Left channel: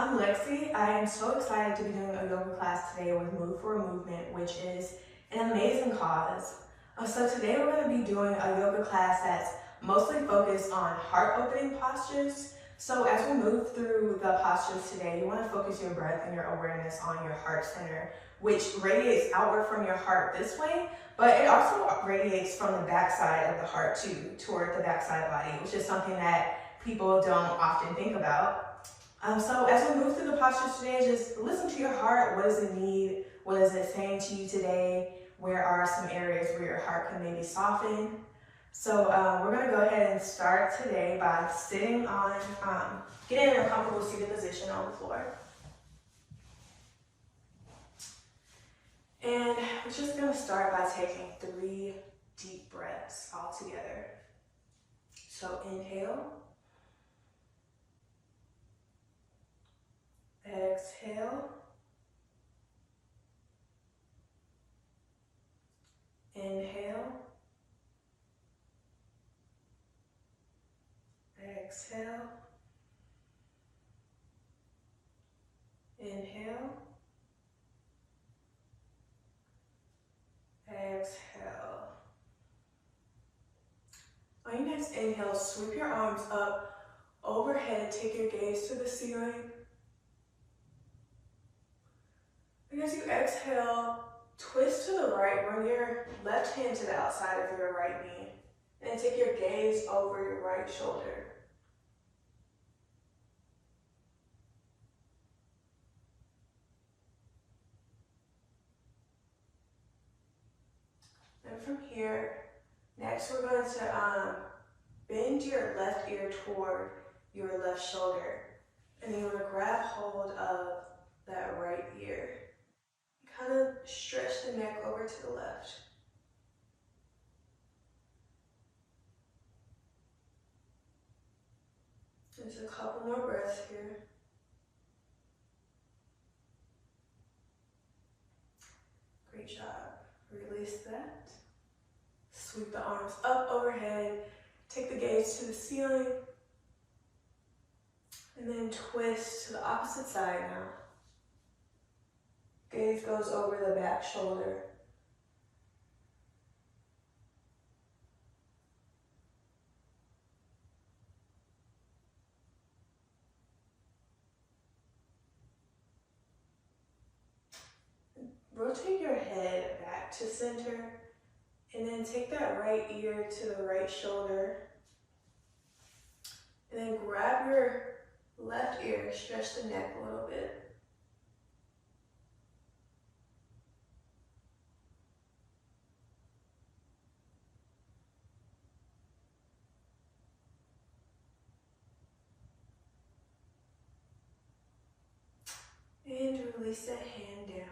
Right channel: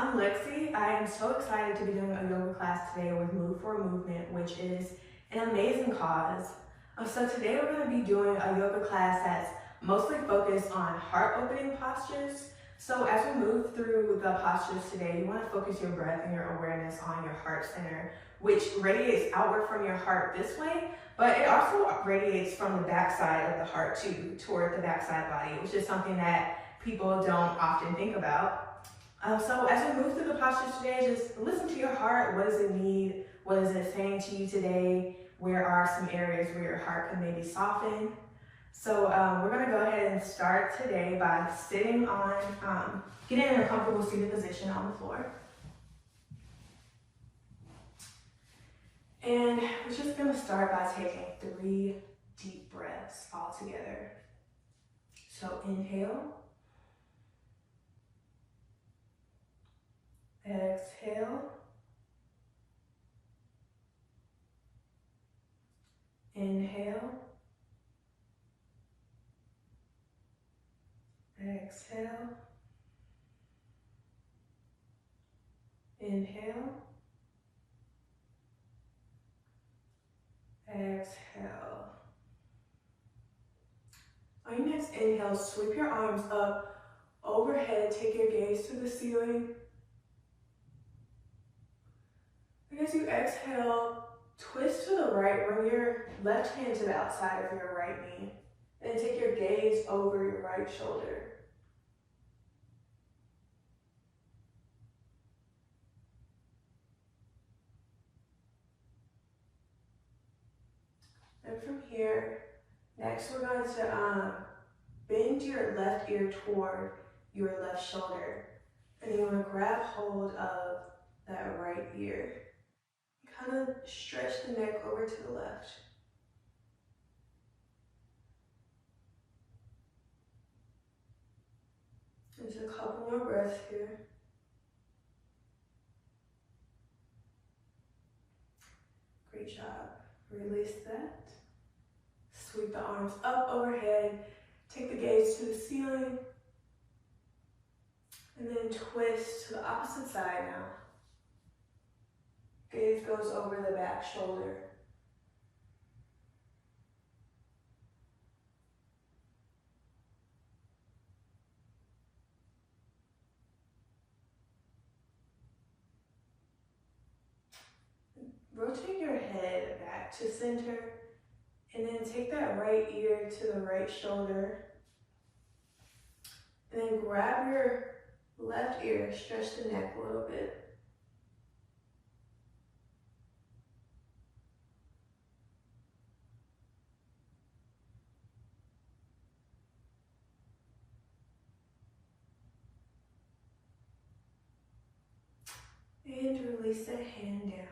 I'm Lexi. I am so excited to be doing a yoga class today with Move for a Movement, which is an amazing cause. So today we're going to be doing a yoga class that's mostly focused on heart-opening postures. So as we move through the postures today, you want to focus your breath and your awareness on your heart center, which radiates outward from your heart this way, but it also radiates from the backside of the heart too, toward the backside body, which is something that people don't often think about. So as we move through the postures today, just listen to your heart. What does it need? What is it saying to you today? Where are some areas where your heart can maybe soften? So we're going to go ahead and start today by sitting on, getting in a comfortable seated position on the floor. And we're just going to start by taking 3 deep breaths all together. So inhale. Exhale. Inhale. Exhale. Inhale. Exhale. On your next inhale, sweep your arms up overhead. Take your gaze to the ceiling. And as you exhale, twist to the right. Bring your left hand to the outside of your right knee. And take your gaze over your right shoulder. And from here, next we're going to bend your left ear toward your left shoulder. And you want to grab hold of that right ear. Kind of stretch the neck over to the left. There's a couple more breaths here. Great job. Release that. Sweep the arms up overhead. Take the gaze to the ceiling. And then twist to the opposite side now. Gaze goes over the back shoulder. Rotate your head back to center, and then take that right ear to the right shoulder. And then grab your left ear, stretch the neck a little bit. And release that hand down.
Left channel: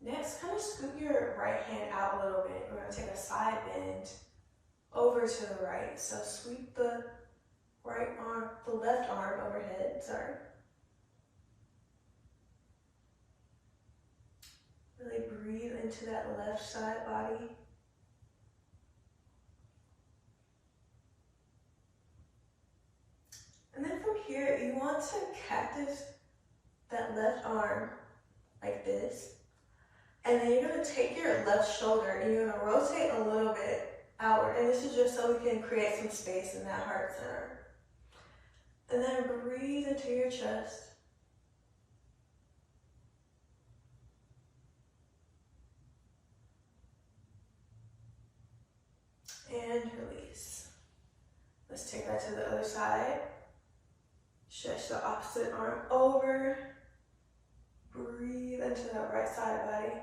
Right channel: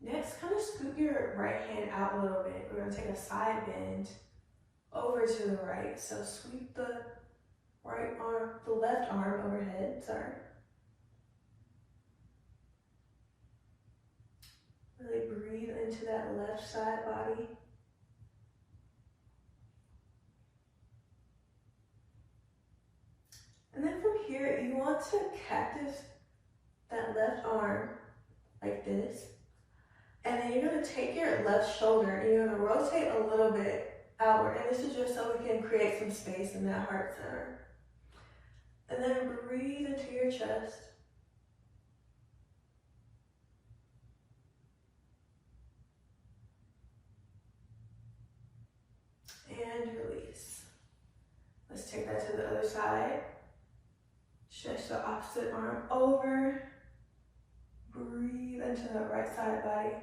Next, kind of scoot your right hand out a little bit. We're going to take a side bend over to the right. So sweep the right arm, the left arm overhead, sorry. Really breathe into that left side body. And then from here, you want to cactus that left arm like this. And then you're going to take your left shoulder and you're going to rotate a little bit outward. And this is just so we can create some space in that heart center. And then breathe into your chest. And release. Let's take that to the other side. Stretch the opposite arm over. Breathe into the right side body.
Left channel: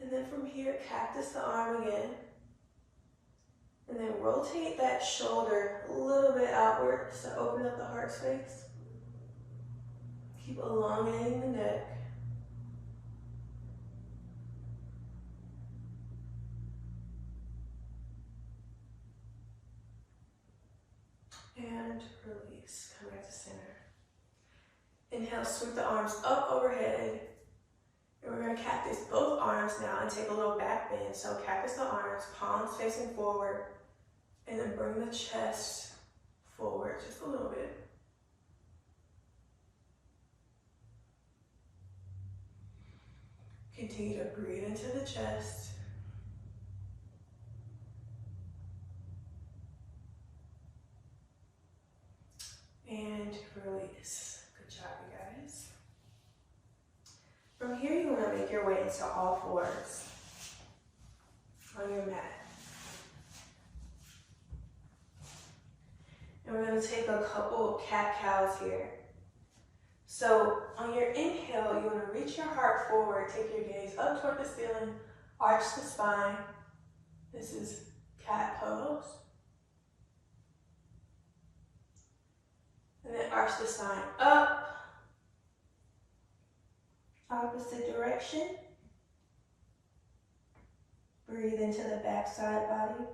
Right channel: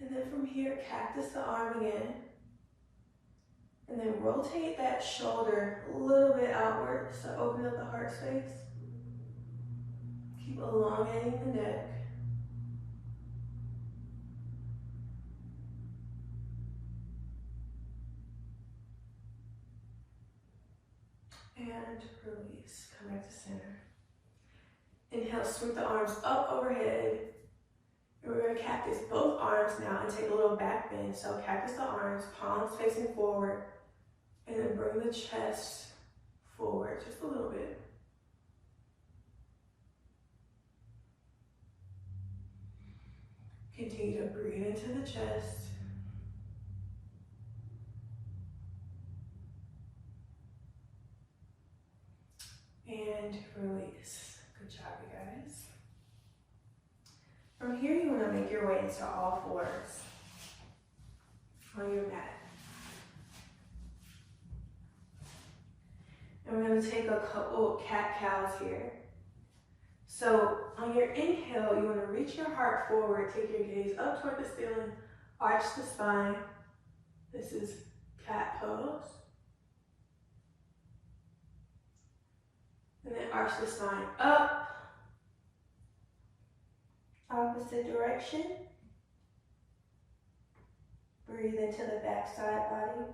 And then from here, cactus the arm again. And then rotate that shoulder a little bit outward, so open up the heart space. Keep elongating the neck. And release, come back to center. Inhale, sweep the arms up overhead. And we're gonna cactus both arms now and take a little back bend. So cactus the arms, palms facing forward, and then bring the chest forward just a little bit. Continue to breathe into the chest. And release. Good job, you guys. From here, you want to make your way into all fours on your mat. And we're going to take a couple cat-cows here. So on your inhale, you want to reach your heart forward, take your gaze up toward the ceiling, arch the spine. This is cat pose. And then arch the spine up, opposite direction. Breathe into the back side body.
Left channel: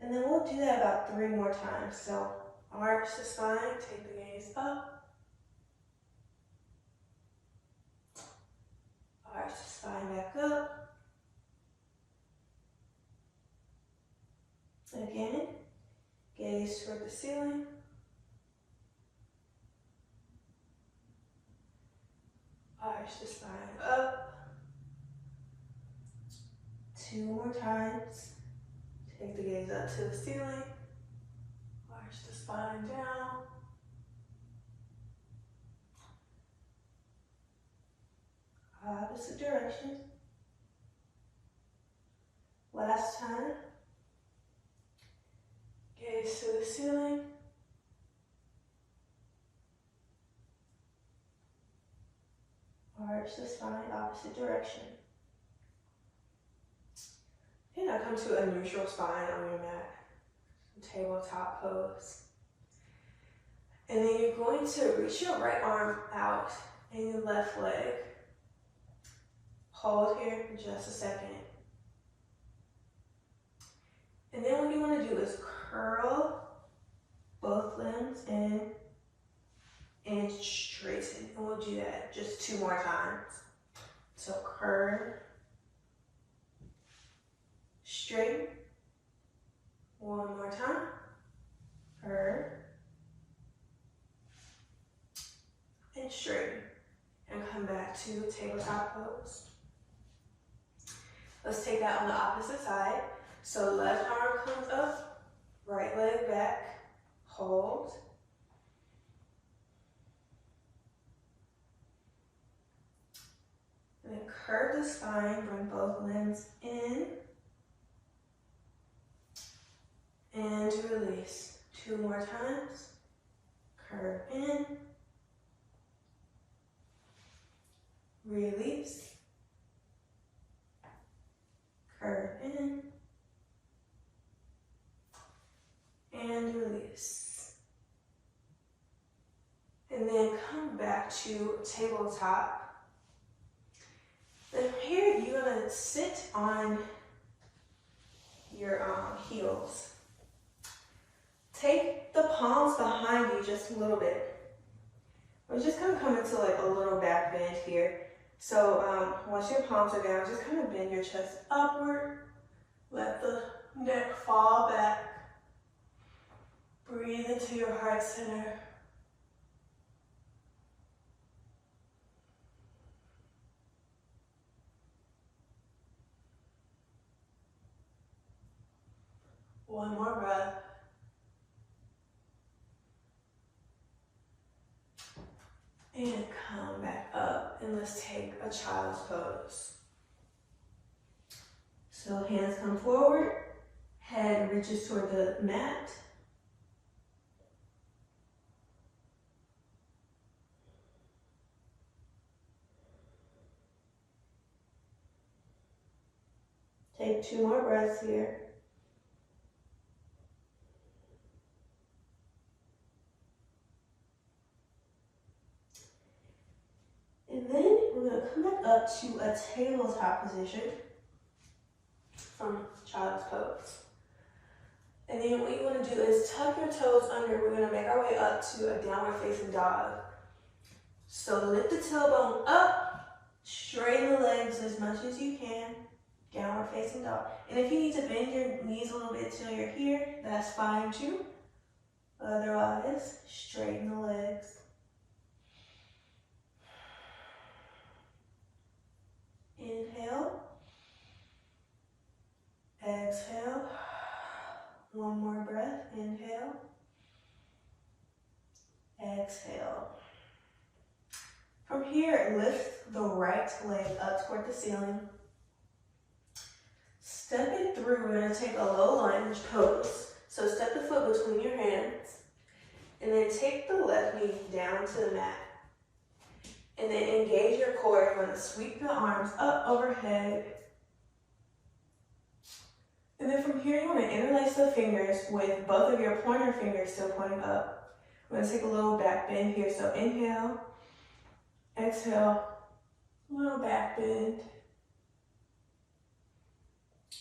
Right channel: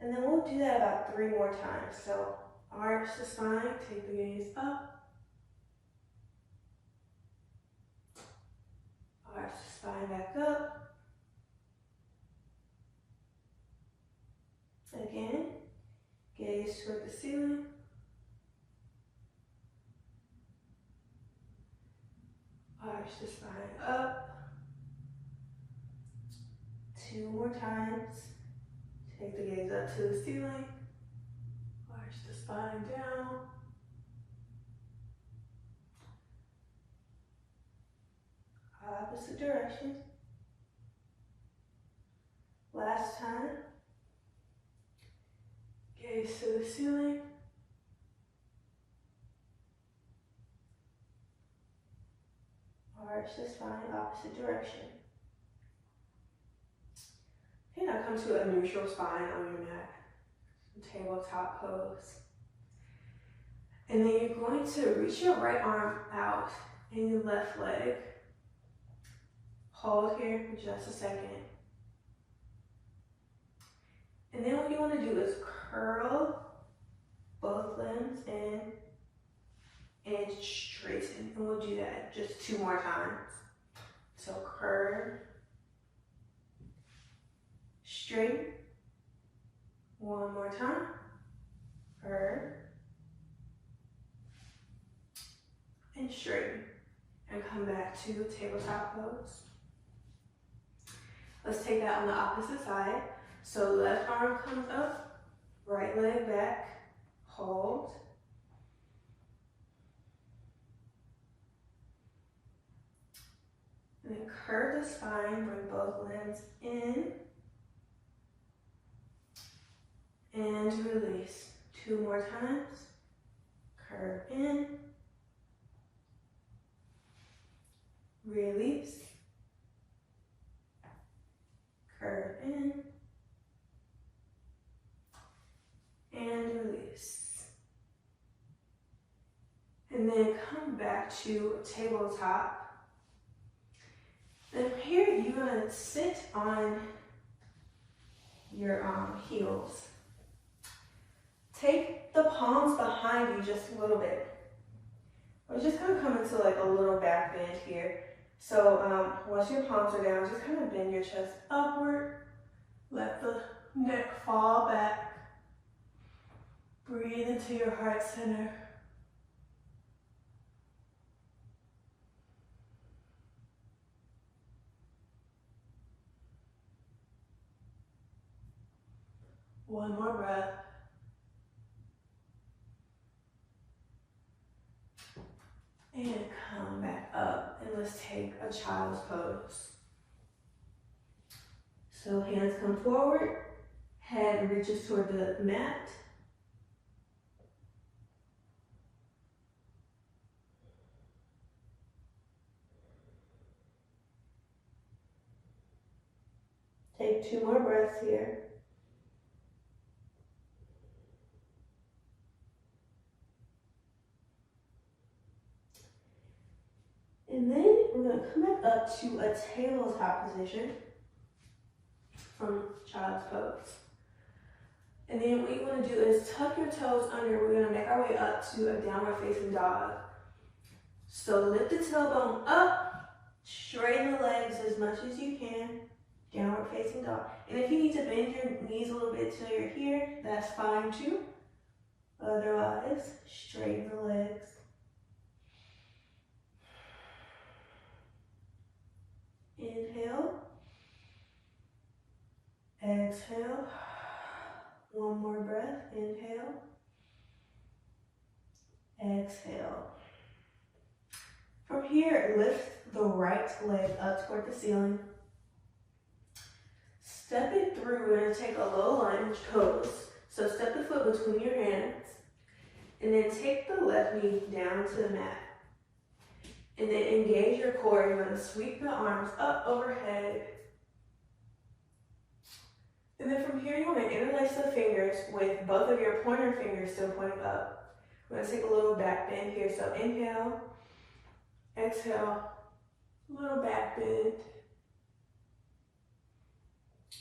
And then we'll do that about 3 more times. So arch the spine, take the gaze up. Arch the spine back up. Again, gaze toward the ceiling. Arch the spine up. 2 more times. Take the gaze up to the ceiling. Arch the spine down. Opposite direction. Last time. Gaze to the ceiling. Arch the spine, opposite direction. Okay, now come to a neutral spine on your mat. Tabletop pose. And then you're going to reach your right arm out and your left leg. Hold here for just a second. And then what you want to do is curl both limbs in and straighten. And we'll do that just 2 more times. So curve, straighten. 1 more time. Curve and straighten. And come back to tabletop pose. Let's take that on the opposite side. So left arm comes up, right leg back, hold. And then curve the spine, bring both limbs in. And release. 2 more times. Curve in. Release. Curve in. And release. And then come back to tabletop. Then here you're gonna sit on your heels. Take the palms behind you just a little bit. We're just gonna come into like a little back bend here. So once your palms are down, just kind of bend your chest upward. Let the neck fall back. Breathe into your heart center. One more breath. And come back up, and let's take a child's pose. So hands come forward, head reaches toward the mat. Take 2 more breaths here. And then we're going to come back up to a tabletop position from child's pose. And then what you want to do is tuck your toes under. We're going to make our way up to a downward facing dog. So lift the tailbone up Straighten the legs as much as you can. Downward facing dog. And if you need to bend your knees a little bit till you're here, that's fine too. Otherwise, straighten the legs. Inhale. Exhale. One more breath. Inhale. Exhale. From here, lift the right leg up toward the ceiling. Step it through. We're going to take a low lunge pose. So step the foot between your hands. And then take the left knee down to the mat. And then engage your core. You're going to sweep the arms up overhead. And then from here, you want to interlace the fingers with both of your pointer fingers still pointing up. We're going to take a little back bend here. So inhale, exhale, little back bend.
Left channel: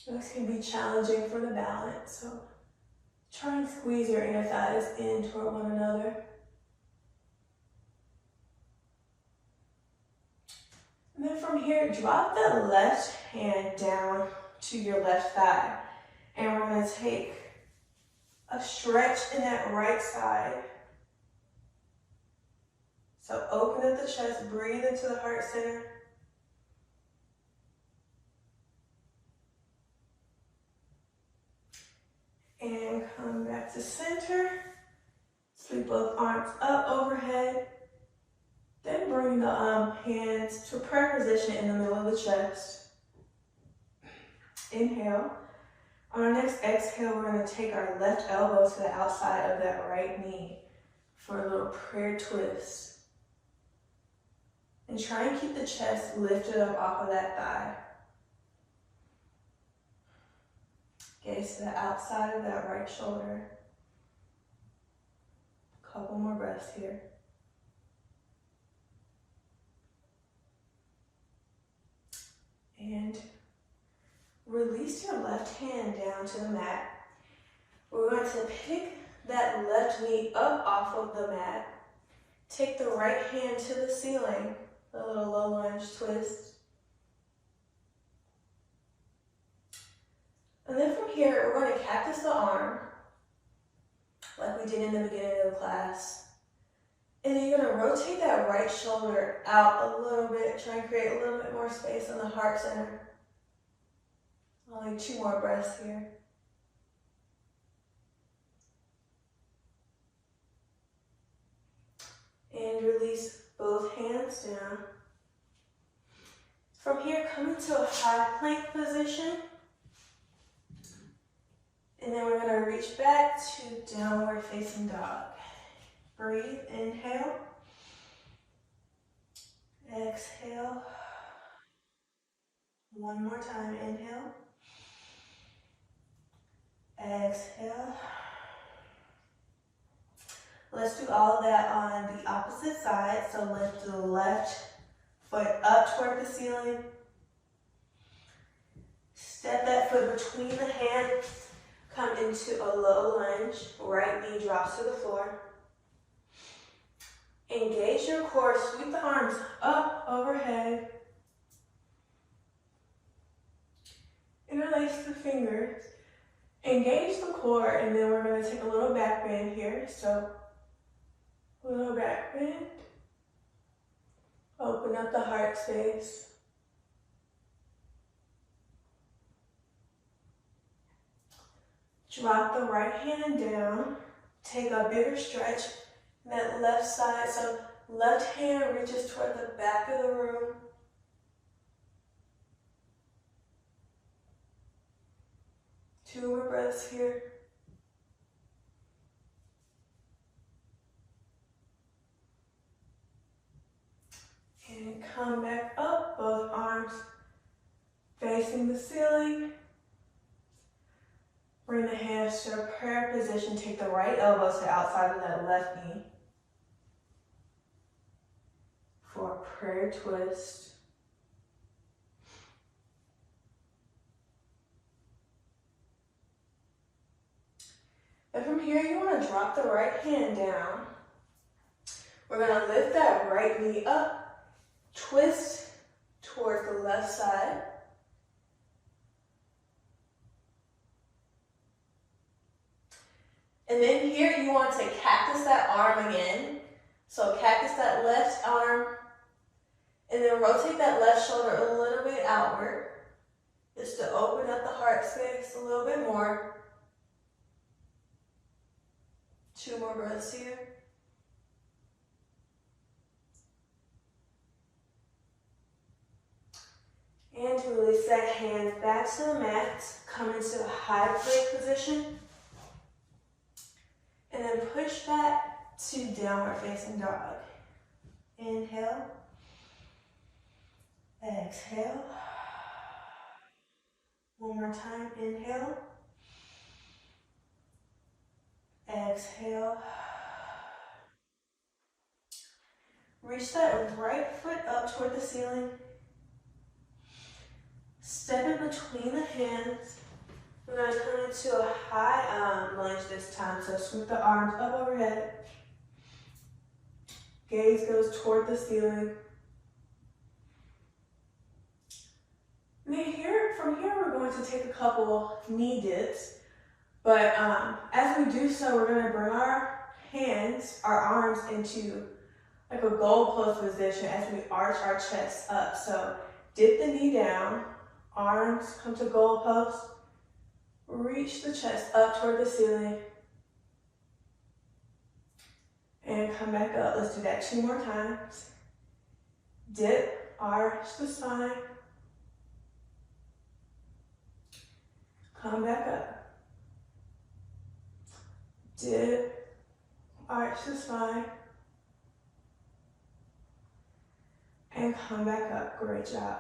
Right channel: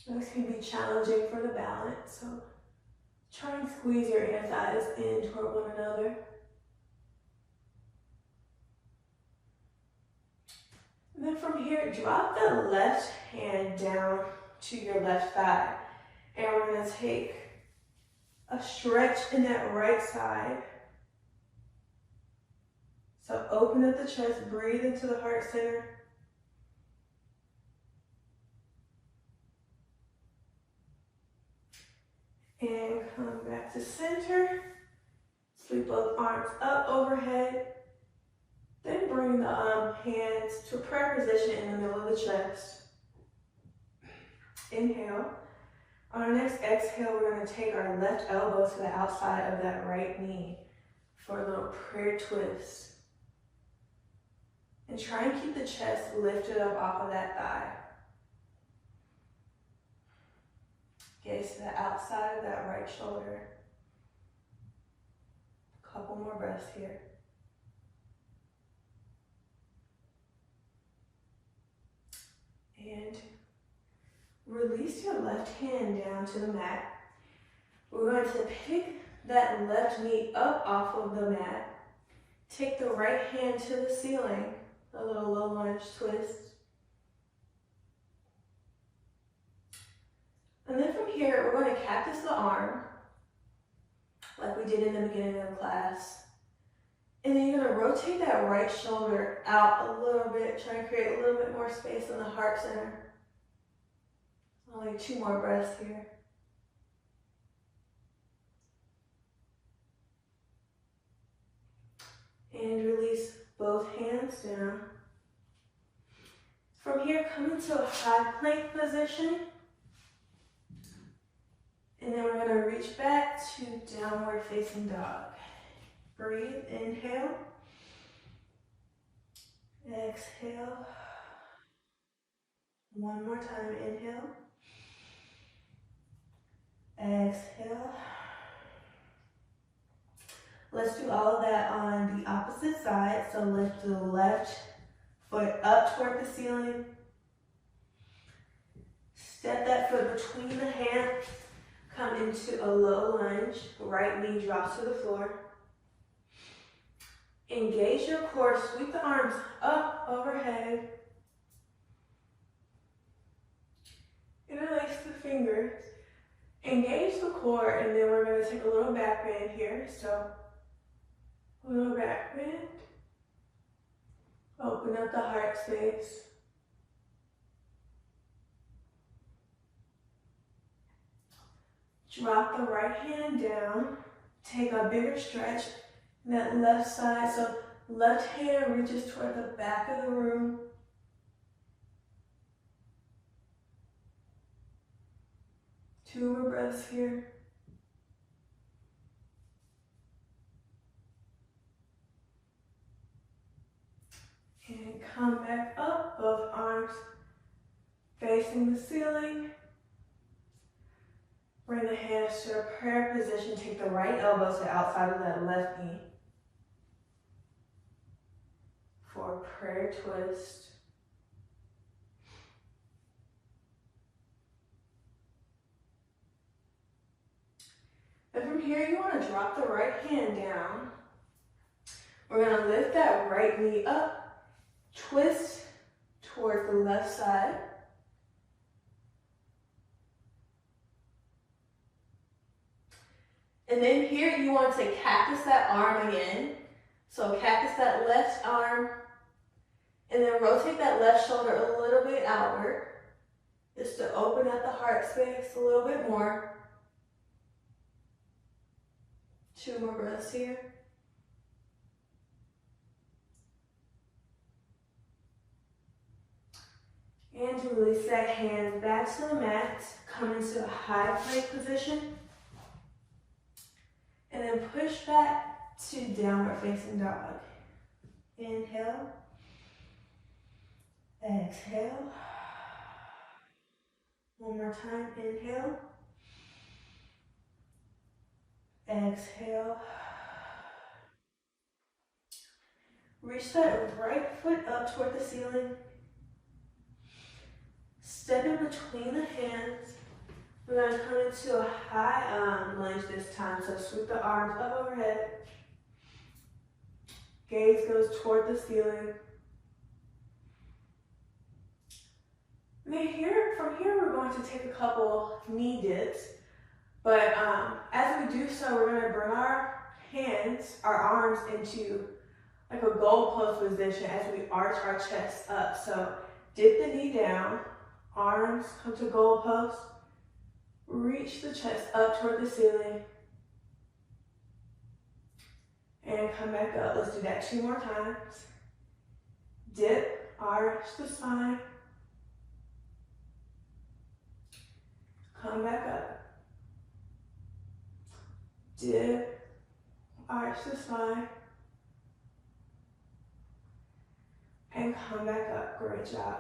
This can be challenging for the balance, so try and squeeze your inner thighs in toward one another. And then from here, drop the left hand down to your left thigh. And we're going to take a stretch in that right side. So open up the chest, breathe into the heart center. And come back to center. Sweep both arms up overhead. Then bring the hands to prayer position in the middle of the chest. Inhale. On our next exhale, we're going to take our left elbow to the outside of that right knee for a little prayer twist. And try and keep the chest lifted up off of that thigh. Gaze to the outside of that right shoulder. Couple more breaths here. And release your left hand down to the mat. We're going to pick that left knee up off of the mat. Take the right hand to the ceiling, a little low lunge twist. And then from here, we're going to cactus the arm, like we did in the beginning of the class. And then you're going to rotate that right shoulder out a little bit, try and create a little bit more space in the heart center. Only 2 more breaths here. And release both hands down. From here, come into a high plank position. And then we're going to reach back to downward facing dog. Breathe, inhale. Exhale. One more time, inhale. Exhale. Let's do all of that on the opposite side. So lift the left foot up toward the ceiling. Step that foot between the hands. Come into a low lunge. Right knee drops to the floor. Engage your core. Sweep the arms up overhead. Interlace the fingers. Engage the core, and then we're going to take a little back bend here. So, a little back bend. Open up the heart space. Drop the right hand down. Take a bigger stretch in that left side. So, left hand reaches toward the back of the room. Two more breaths here. And come back up, both arms facing the ceiling. Bring the hands to a prayer position. Take the right elbow to the outside of that left knee for a prayer twist. And from here, you want to drop the right hand down. We're going to lift that right knee up, twist toward the left side. And then here you want to cactus that arm again. So cactus that left arm, and then rotate that left shoulder a little bit outward, just to open up the heart space a little bit more. 2 more breaths here. And to release that hand back to the mat, come into a high plank position. And then push back to downward facing dog. Inhale. Exhale. One more time, inhale. Exhale. Reach that right foot up toward the ceiling. Step in between the hands. We're going to come into a high lunge this time. So sweep the arms up overhead. Gaze goes toward the ceiling. And then from here, we're going to take a couple knee dips. But as we do so, we're going to bring our hands, our arms into like a goal pose position as we arch our chest up. So dip the knee down, arms come to goal pose. Reach the chest up toward the ceiling. And come back up. Let's do that 2 more times. Dip, arch the spine. Come back up. Dip, arch the spine. And come back up. Great job.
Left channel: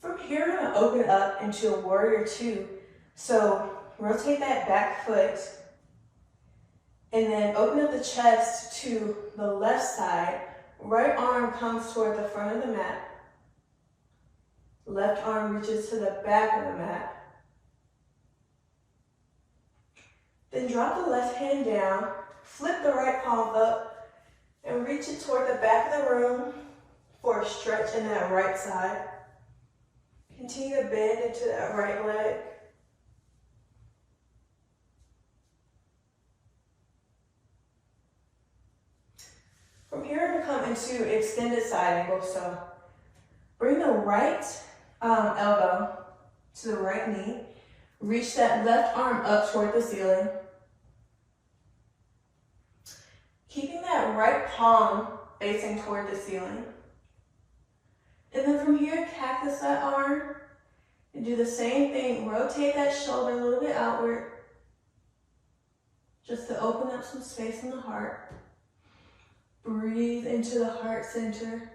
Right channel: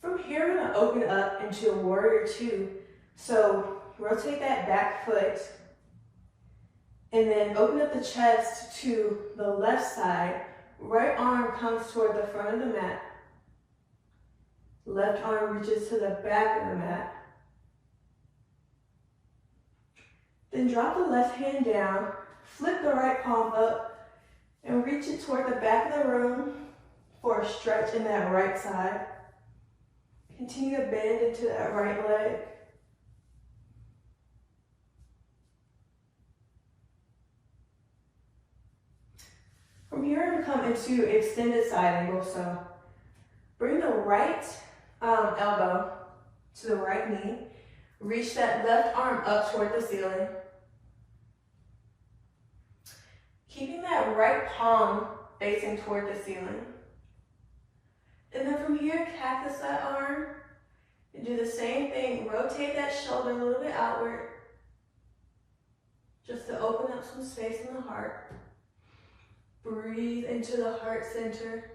From here, we're going to open up into a warrior 2. So rotate that back foot and then open up the chest to the left side. Right arm comes toward the front of the mat. Left arm reaches to the back of the mat. Then drop the left hand down, flip the right palm up, and reach it toward the back of the room for a stretch in that right side. Continue to bend into that right leg. From here, I'm going to come into extended side angle. So bring the right elbow to the right knee. Reach that left arm up toward the ceiling. Keeping that right palm facing toward the ceiling. And then from here, cactus that arm. And do the same thing. Rotate that shoulder a little bit outward. Just to open up some space in the heart. Breathe into the heart center.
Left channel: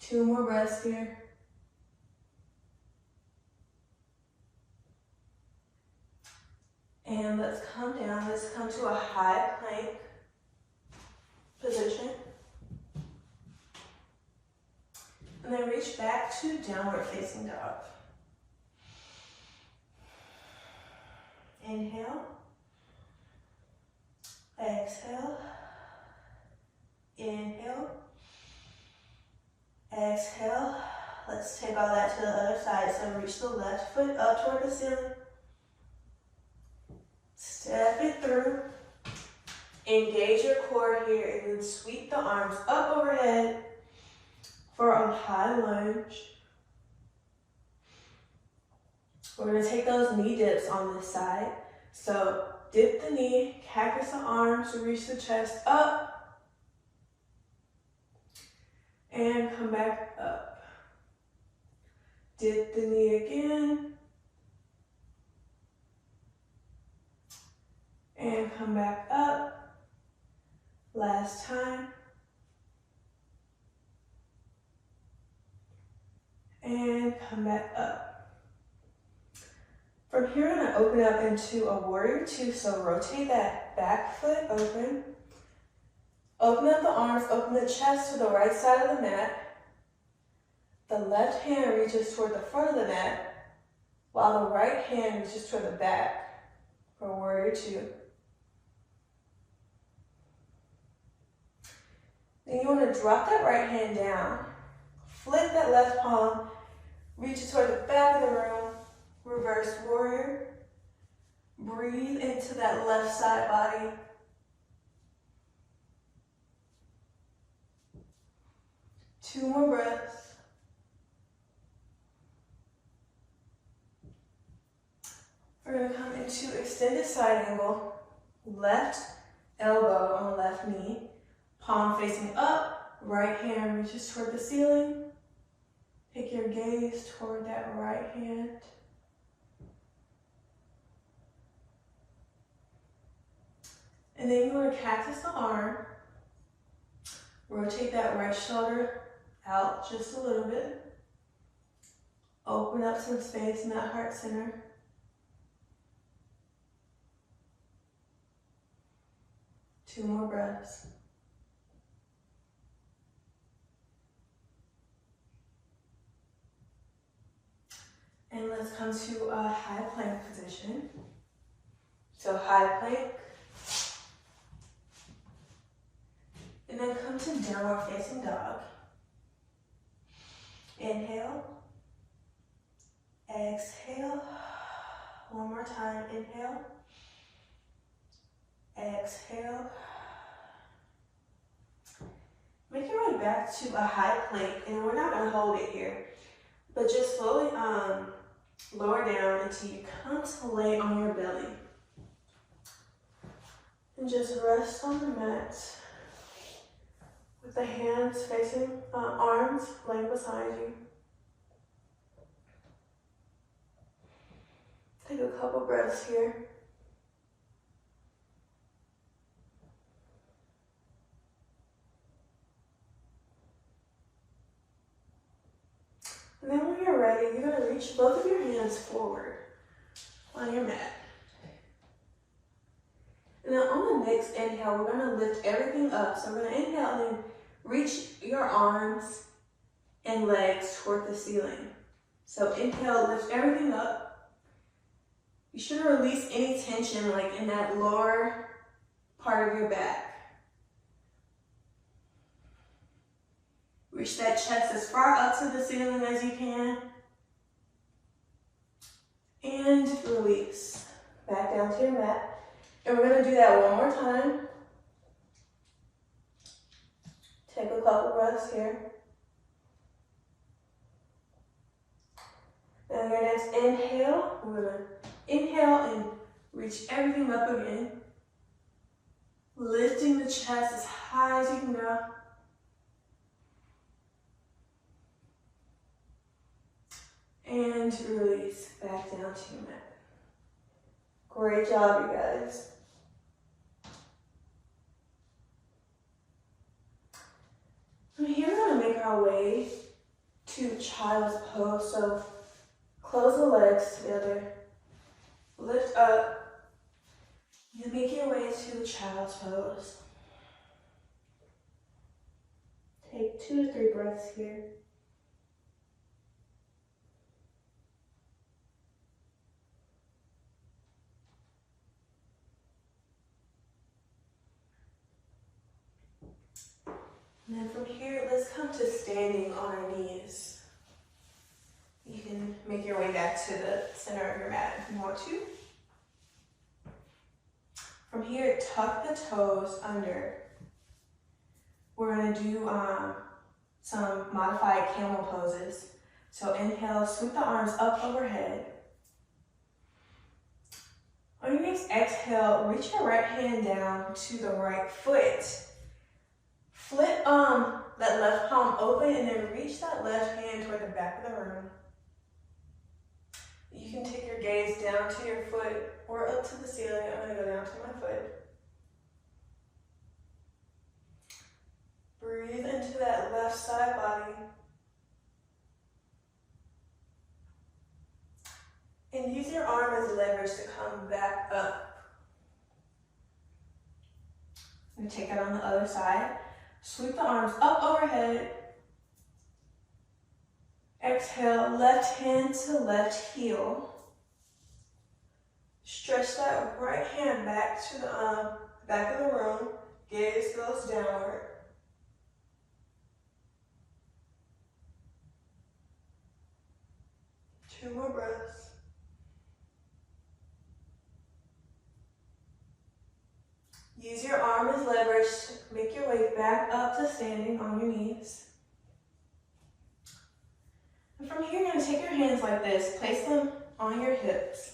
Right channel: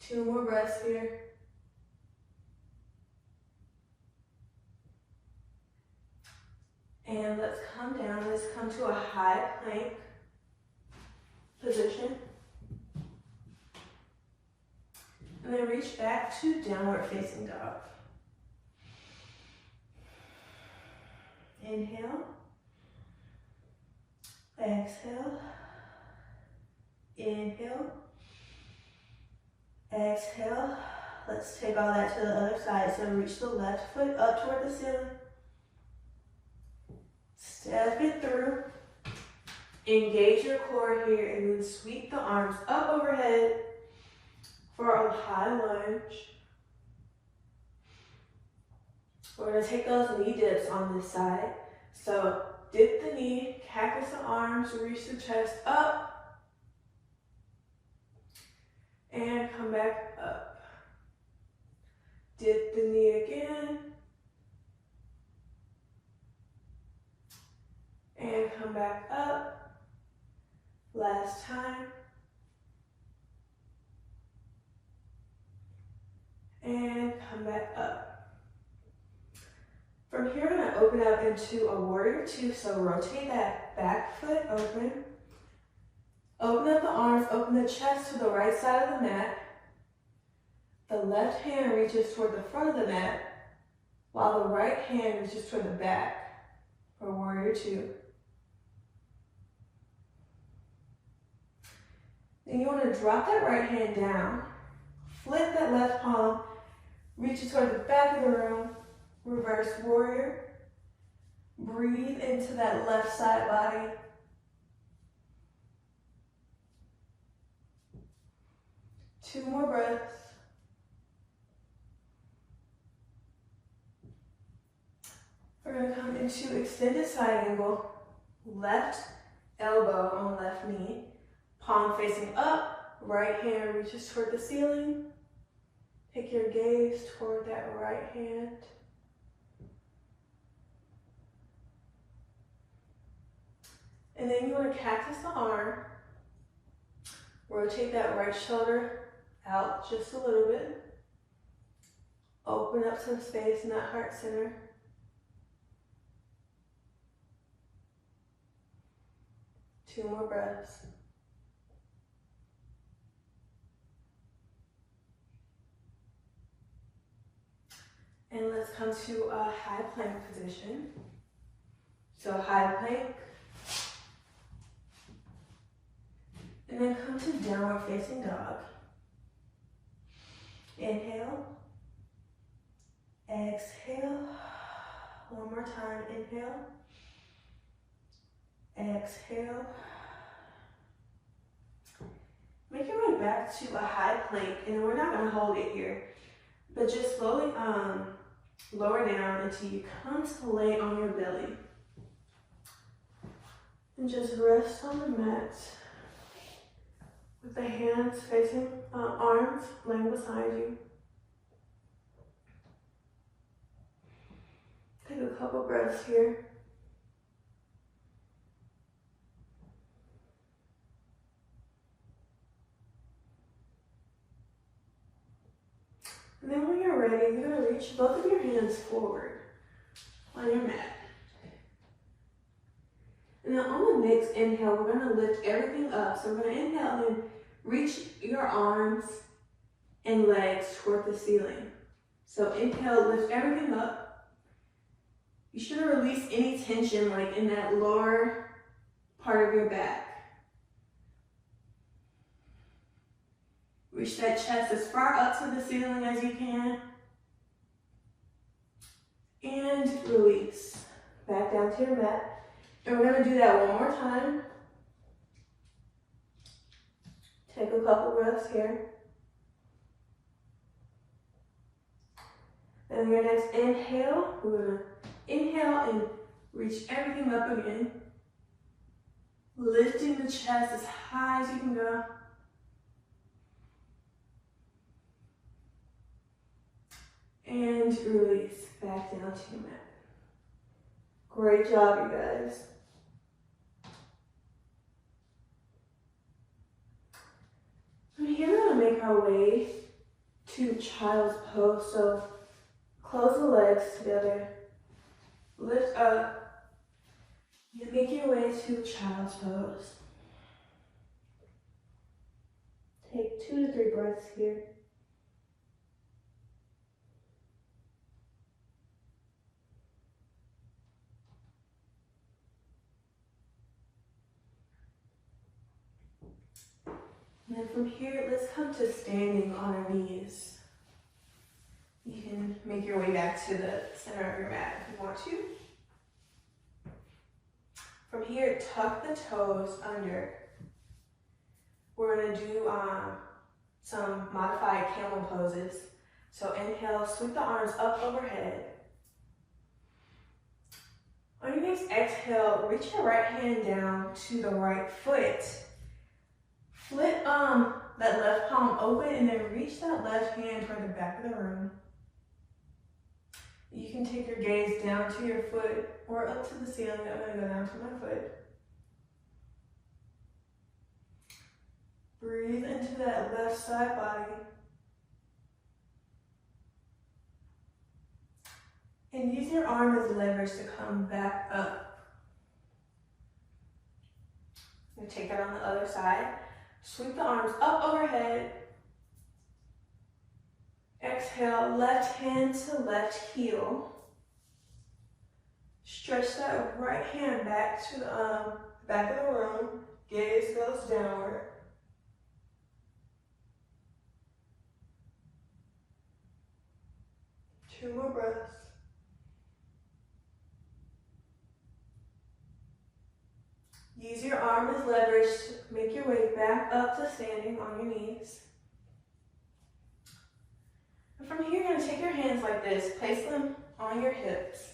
Two more breaths here. And let's come down. Let's come to a high plank position. And then reach back to downward facing dog. Inhale. Exhale. Inhale. Exhale. Let's take all that to the other side. So reach the left foot up toward the ceiling. Step it through. Engage your core here and then sweep the arms up overhead for a high lunge. We're going to take those knee dips on this side. So dip the knee, cactus the arms, reach the chest up, and come back up. Dip the knee again, and come back up. Last time. And come back up. From here, I'm going to open up into a warrior 2. So rotate that back foot open. Open up the arms, open the chest to the right side of the mat. The left hand reaches toward the front of the mat, while the right hand reaches toward the back for warrior 2. Then you want to drop that right hand down, flip that left palm, reach it toward the back of the room, reverse warrior. Breathe into that left side body. Two more breaths. We're going to come into extended side angle, left elbow on left knee, palm facing up, right hand reaches toward the ceiling. Take your gaze toward that right hand. And then you want to cactus the arm. Rotate that right shoulder out just a little bit. Open up some space in that heart center. Two more breaths. And let's come to a high plank position. So high plank. And then come to downward facing dog. Inhale. Exhale. One more time. Inhale. Exhale. Make your way back to a high plank, and we're not going to hold it here, but just slowly lower down until you come to lay on your belly. And just rest on the mat with the hands facing, arms laying beside you. Take a couple breaths here. And then when you're ready, you're going to reach both of your hands forward on your mat. And then on the next inhale, we're going to lift everything up. So we're going to inhale and reach your arms and legs toward the ceiling. So inhale, lift everything up. You shouldn't release any tension like in that lower part of your back. Reach that chest as far up to the ceiling as you can. And release. Back down to your mat. And we're going to do that one more time. Take a couple breaths here. And your next inhale, we're going to inhale and reach everything up again. Lifting the chest as high as you can go. And release back down to your mat. Great job, you guys. From here, we're going to make our way to child's pose. So close the legs together. Lift up. And make your way to child's pose. Take 2 to 3 breaths here. And then from here, let's come to standing on our knees. You can make your way back to the center of your mat if you want to. From here, tuck the toes under. We're going to do some modified camel poses. So inhale, sweep the arms up overhead. On your next exhale, reach your right hand down to the right foot. Flip that left palm open and then reach that left hand toward the back of the room. You can take your gaze down to your foot or up to the ceiling. I'm going to go down to my foot. Breathe into that left side body. And use your arm as leverage to come back up. And take that on the other side. Sweep the arms up overhead. Exhale, left hand to left heel. Stretch that right hand back to the back of the room. Gaze goes downward. more breaths. Use your arm as leverage to make your way back up to standing on your knees. And from here, you're going to take your hands like this, place them on your hips.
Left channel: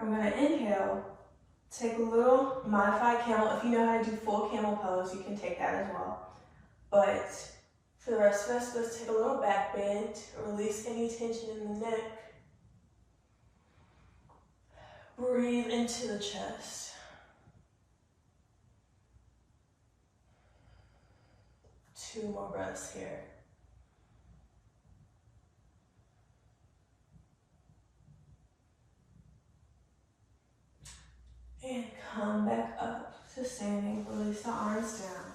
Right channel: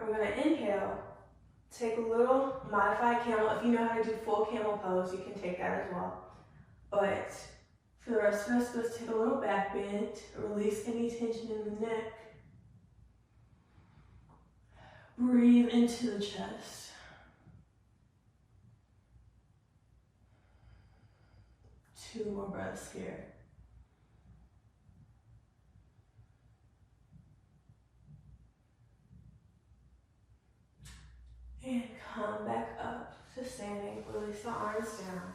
I'm going to inhale, take a little modified camel. If you know how to do full camel pose, you can take that as well. But for the rest of us, let's take a little back bend, release any tension in the neck. Breathe into the chest. Two more breaths here. And come back up to standing. Release the arms down.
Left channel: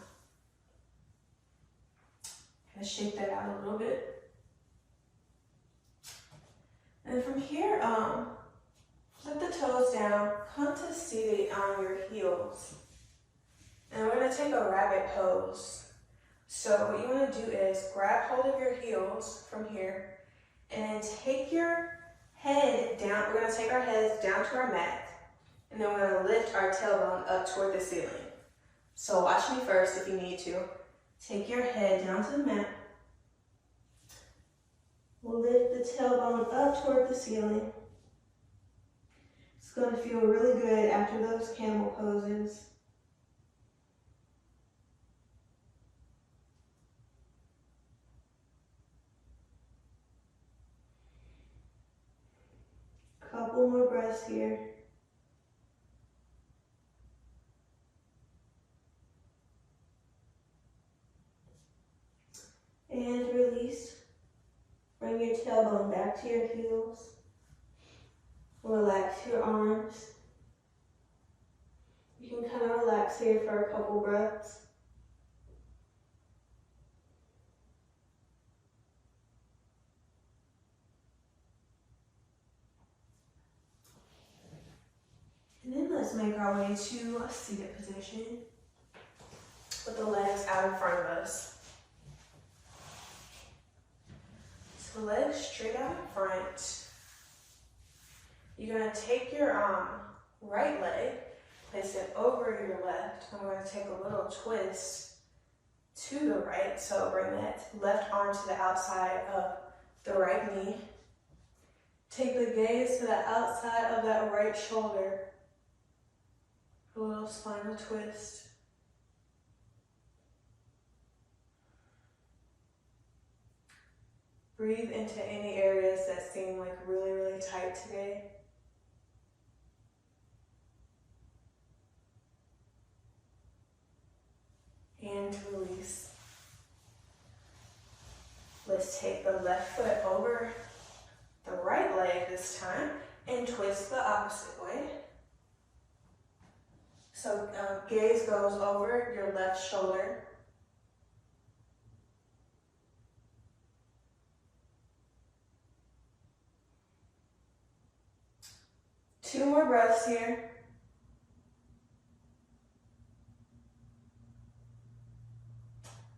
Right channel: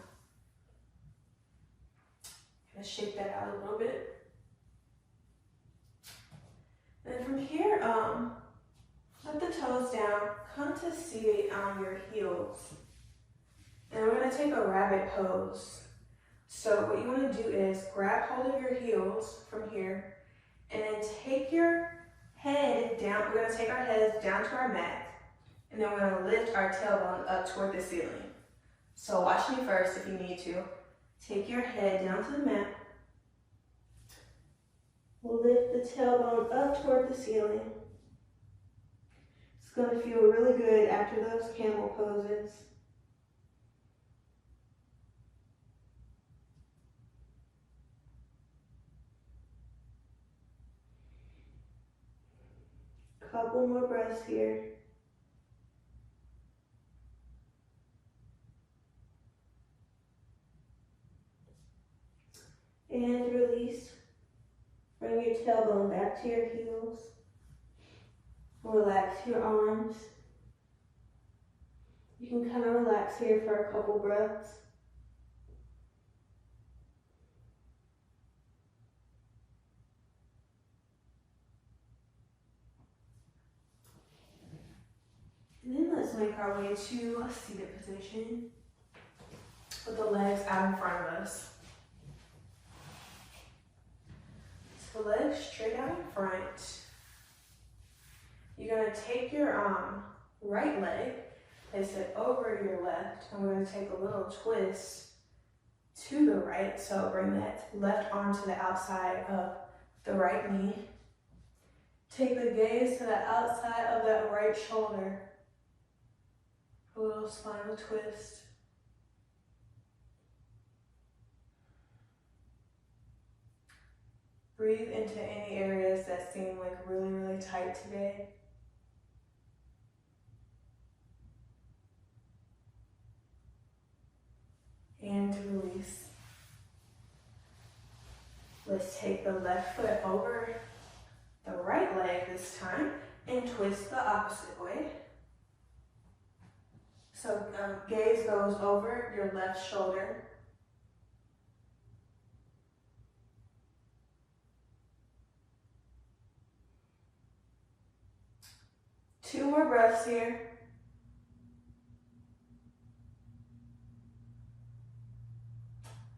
Kind of shake that out a little bit. And from here, let the toes down. Come to seated on your heels. And we're going to take a rabbit pose. So what you want to do is grab hold of your heels from here and then take your head down. We're going to take our heads down to our mat. And then we're going to lift our tailbone up toward the ceiling. So watch me first if you need to. Take your head down to the mat. Lift the tailbone up toward the ceiling. It's going to feel really good after those camel poses. Couple more breaths here. And release. Bring your tailbone back to your heels. Relax your arms. You can kind of relax here for a couple breaths. And then let's make our way to a seated position with the legs out in front of us. So legs straight out in front. You're going to take your right leg, place it over your left. I'm going to take a little twist to the right. So bring that left arm to the outside of the right knee. Take the gaze to the outside of that right shoulder. A little spinal twist. Breathe into any areas that seem like really, really tight today. And release. Let's take the left foot over the right leg this time and twist the opposite way. So gaze goes over your left shoulder. Two more breaths here.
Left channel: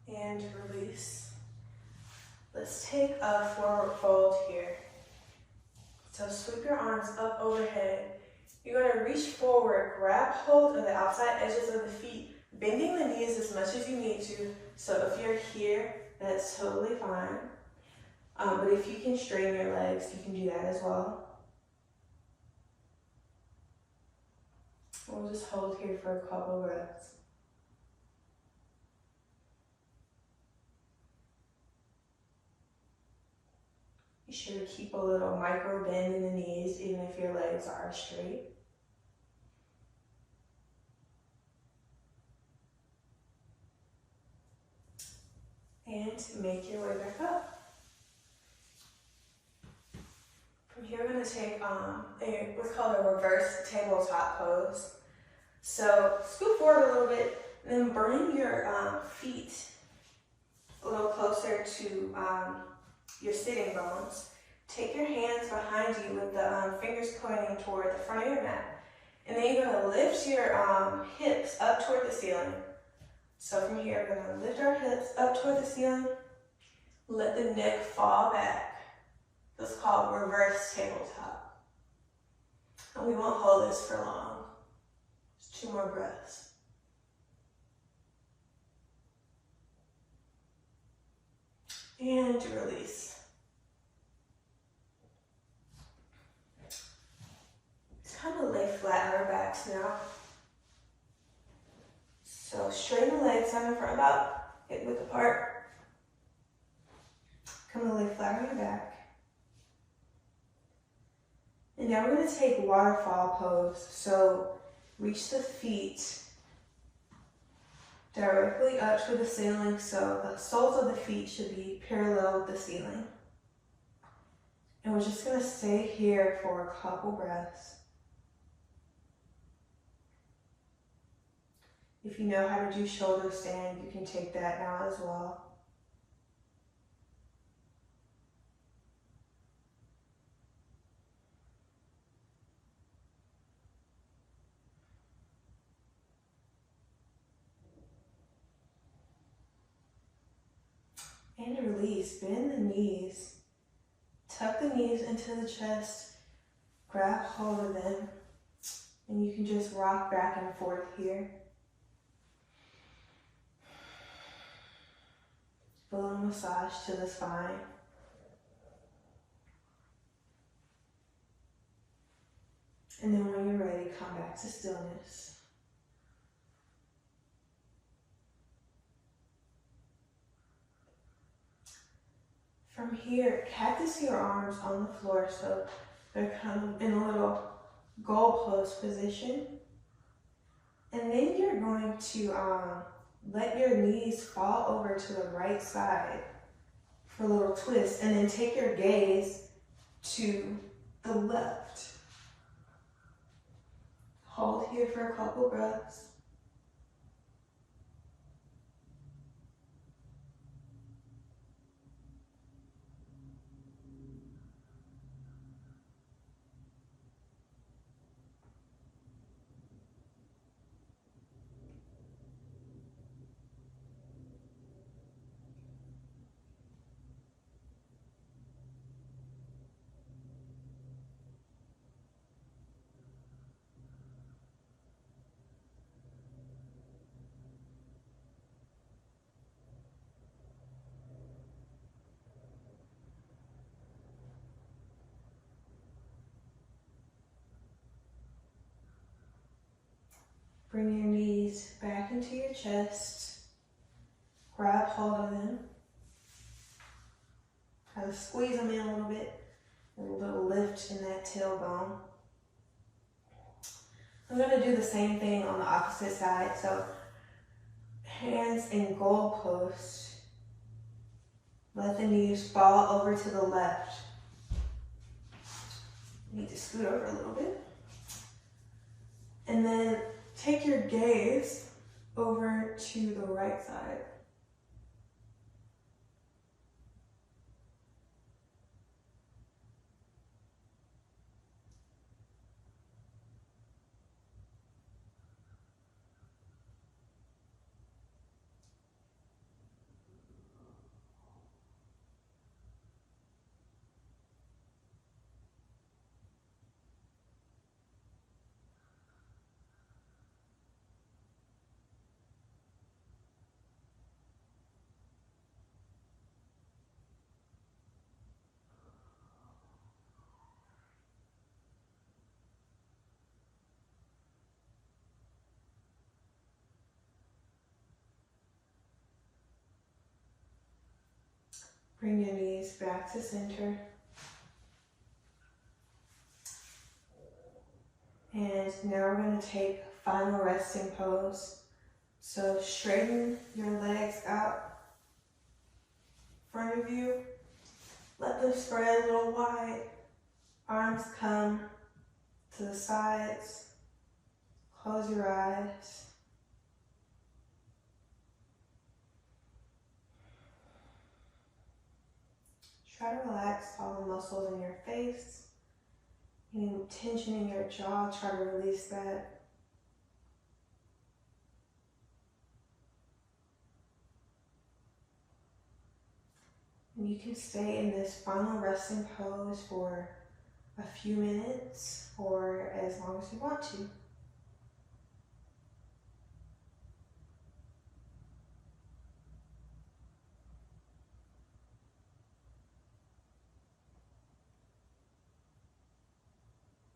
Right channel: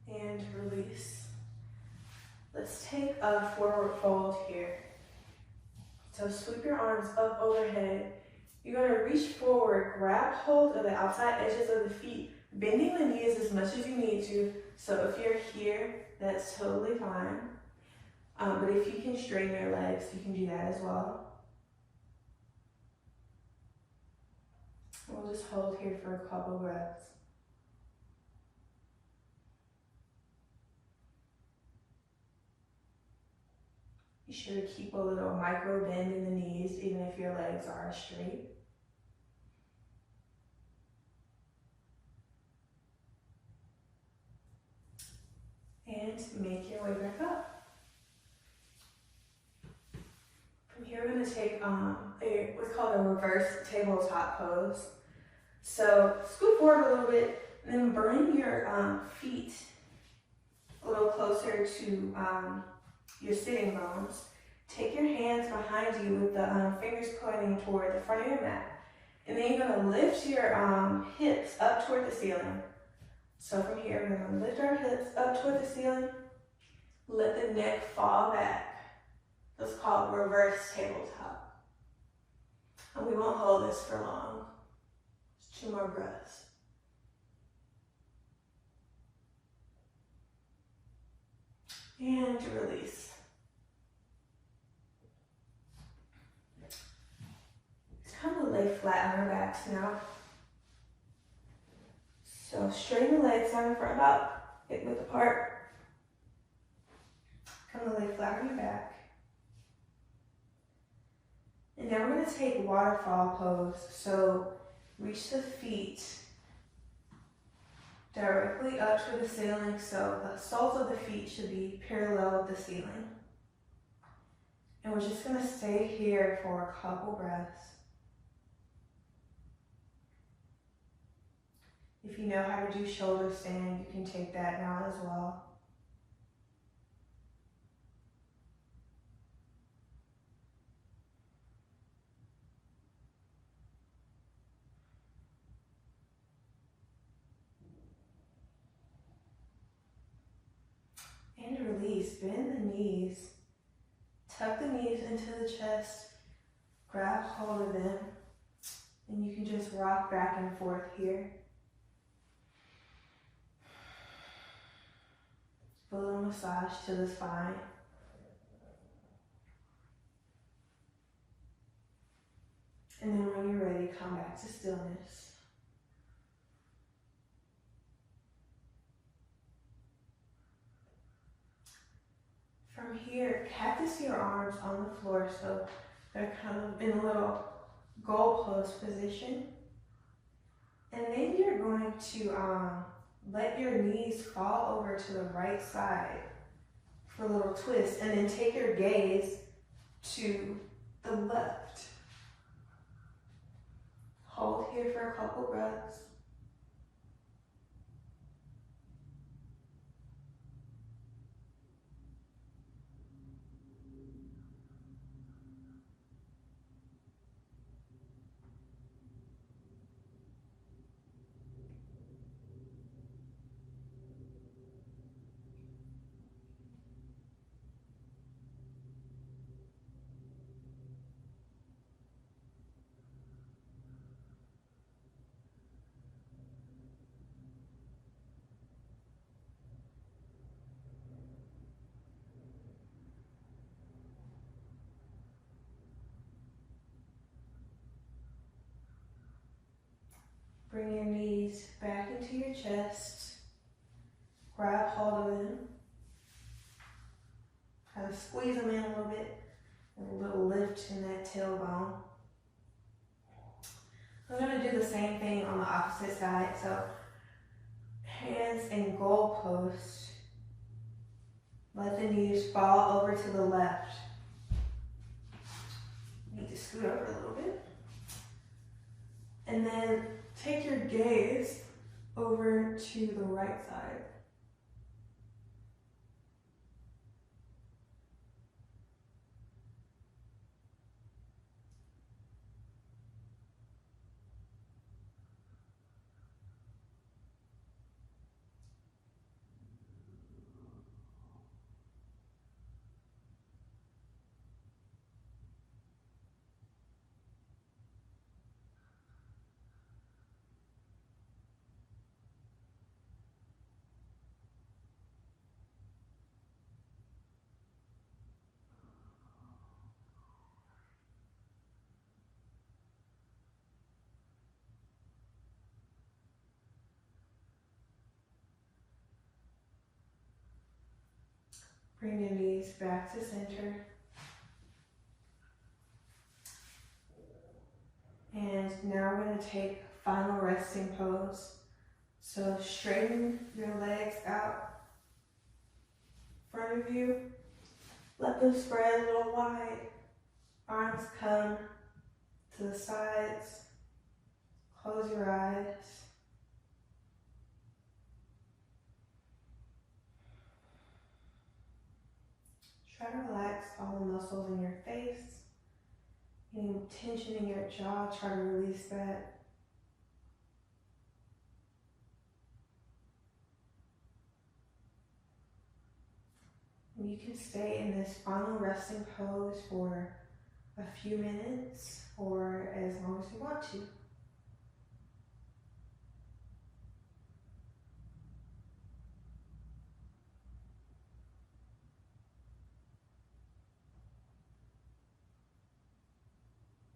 And release. Let's take a forward fold here. So sweep your arms up overhead. You're going to reach forward, grab hold of the outside edges of the feet, bending the knees as much as you need to. So if you're here, that's totally fine. But if you can straighten your legs, you can do that as well. We'll just hold here for a couple breaths. Be sure to keep a little micro bend in the knees, even if your legs are straight. And make your way back up. From here, we're going to take what's called a reverse tabletop pose. So scoot forward a little bit, and then bring your feet a little closer to your sitting bones. Take your hands behind you with the fingers pointing toward the front of your mat. And then you're going to lift your hips up toward the ceiling. So from here, we're going to lift our hips up toward the ceiling. Let the neck fall back. It's called reverse tabletop. And we won't hold this for long. Just 2 more breaths. And release. It's kind of lay flat on our backs now. So straighten the legs out in front, about hip width apart. Come to lay flat on your back. And now we're going to take waterfall pose. So reach the feet directly up to the ceiling. So the soles of the feet should be parallel with the ceiling. And we're just going to stay here for a couple breaths. If you know how to do shoulder stand, you can take that now as well. And release, bend the knees. Tuck the knees into the chest, grab hold of them, and you can just rock back and forth here. Little massage to the spine. And then when you're ready, come back to stillness. From here, cactus your arms on the floor so they're kind of in a little goalpost position. And then you're going to let your knees fall over to the right side for a little twist, and then take your gaze to the left. Hold here for a couple breaths. Bring your knees back into your chest. Grab hold of them. Kind of squeeze them in a little bit. And a little lift in that tailbone. I'm going to do the same thing on the opposite side. So hands in goalpost. Let the knees fall over to the left. Need to scoot over a little bit. And then take your gaze over to the right side. Bring your knees back to center. And now we're going to take final resting pose. So straighten your legs out in front of you. Let them spread a little wide. Arms come to the sides. Close your eyes. Try to relax all the muscles in your face. Any tension in your jaw, try to release that. And you can stay in this final resting pose for a few minutes or as long as you want to.